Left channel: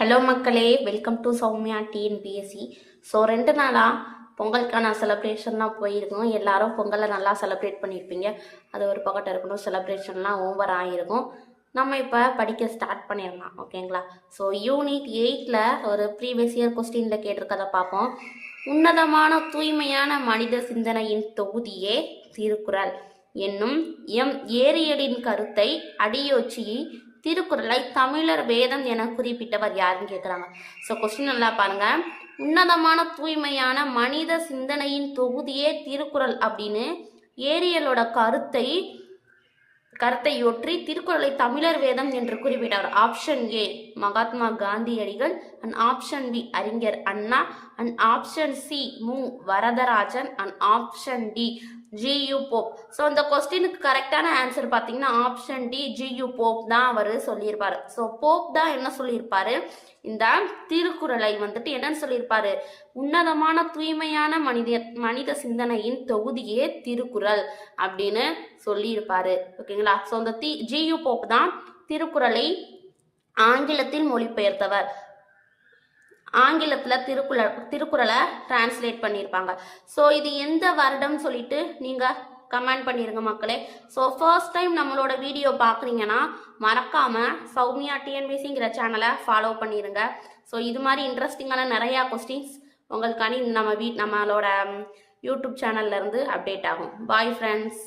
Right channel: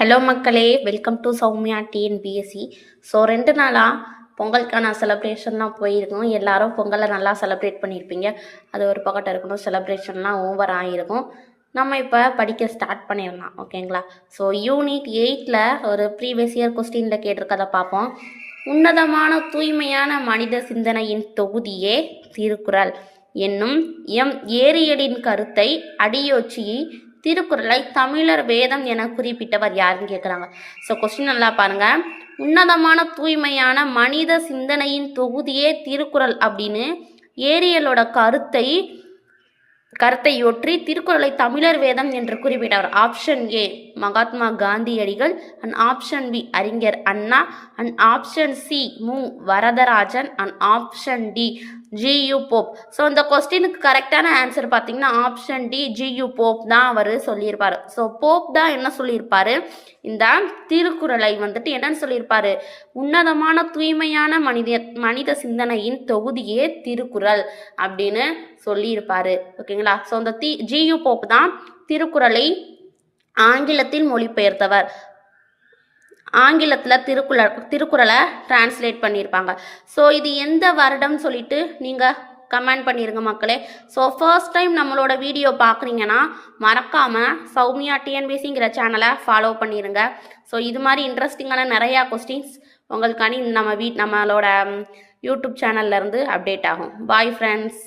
Hello மக்களே, welcome to Soumya TNPSC. So 2 நாளாக பொங்கலுக்கான செலிப்ரேஷன்லாம் போயிருக்கோம். எல்லாரும் பொங்கலை நல்லா செலிப்ரேட் பண்ணியிருப்பீங்க. அது ஒரு பக்கத்தில் இருக்கணும், செலிப்ரேஷன்லாம் ஓவர் ஆகிருக்கும். நம்ம இப்போ படிக்க ஸ்டார்ட் பண்ணிடலாம், ஓகேங்களா? ஸோ யூனிட் 8ல் ஒரு ப்ரீவியஸ் இயர் கொஸ்டினில் கேட்டிருக்கதை பார்ப்போம். உன்னதமான தூய்மையான மனித சிந்தனையின் தொகுதியே திருக்குறள் என்னும் ஏரியலின் கருத்தை அடியொற்றி திருக்குறளை தமிழர் வேதம் என குறிப்பிட்டவர் யாருன்னு கேட்குறாங்க. ஸோ கொஸ்டின் நல்லா பாருங்க. உன்னதமான தூய்மையான மனித சிந்தனையின் தொகுதியே திருக்குறள் அப்படின்னு ஏரியலோட கருத்தையொற்றி திருக்குறளை தமிழர் வேதம் என்று குறிப்பிட்டவர். ஆப்ஷன் ஏ மகாத்மா காந்தியடிகள், அண்ட் ஆப்ஷன் பி அறிஞர் அண்ணா, and option C Mu Varadarajan, and option D G U Pope. So இந்த கொஸ்டினுக்கு கரெக்டான ஆன்சர் பார்த்தீங்கன்னா ஆப்ஷன் டி ஜியு போப் தான் அவர் சொல்லியிருப்பார். ஸோ போப் தான் என்ன சொல்லியிருப்பாரு, இந்த திருக்குறளை வந்துட்டு என்னன்னு சொல்லியிருப்பாரு, உன்னதமான தூய்மையான மனித சிந்தனையின் தொகுதியே திருக்குறள் அப்படின்னு சொல்லியிருப்பாரு, ஓகேங்களா? ஸோ இந்த ஜியு போப் தான் திருக்குறளை ஆங்கிலத்தில் மொழிபெயர்த்தவர். ஆங்கிலத்தில் திருக்குறளை டிரான்ஸ்லேட் பண்ணியிருப்பாங்க. ஸோ இது எந்த வருடம் சொல்லிட்டு நீங்கள் கமெண்ட் பண்ணிடுங்க மக்களே. ஸோ ஃபர்ஸ்ட் டைம் நம்மளோட வீடியோ பார்க்குறீங்கன்னா மறக்காமல் சௌமியா டிஎன்பிஎஸ்சிங்கிற சேனலை ஃபாலோ பண்ணிடுங்க. ஸோ இது மாதிரி இன்ட்ரெஸ்டிங்கான நிறையா கொஸ்டின்ஸ் உங்களுக்கான நம்மளோட யூடியூப் சேனல்லேருந்து அப்டேட் ஆகும். Bye friends.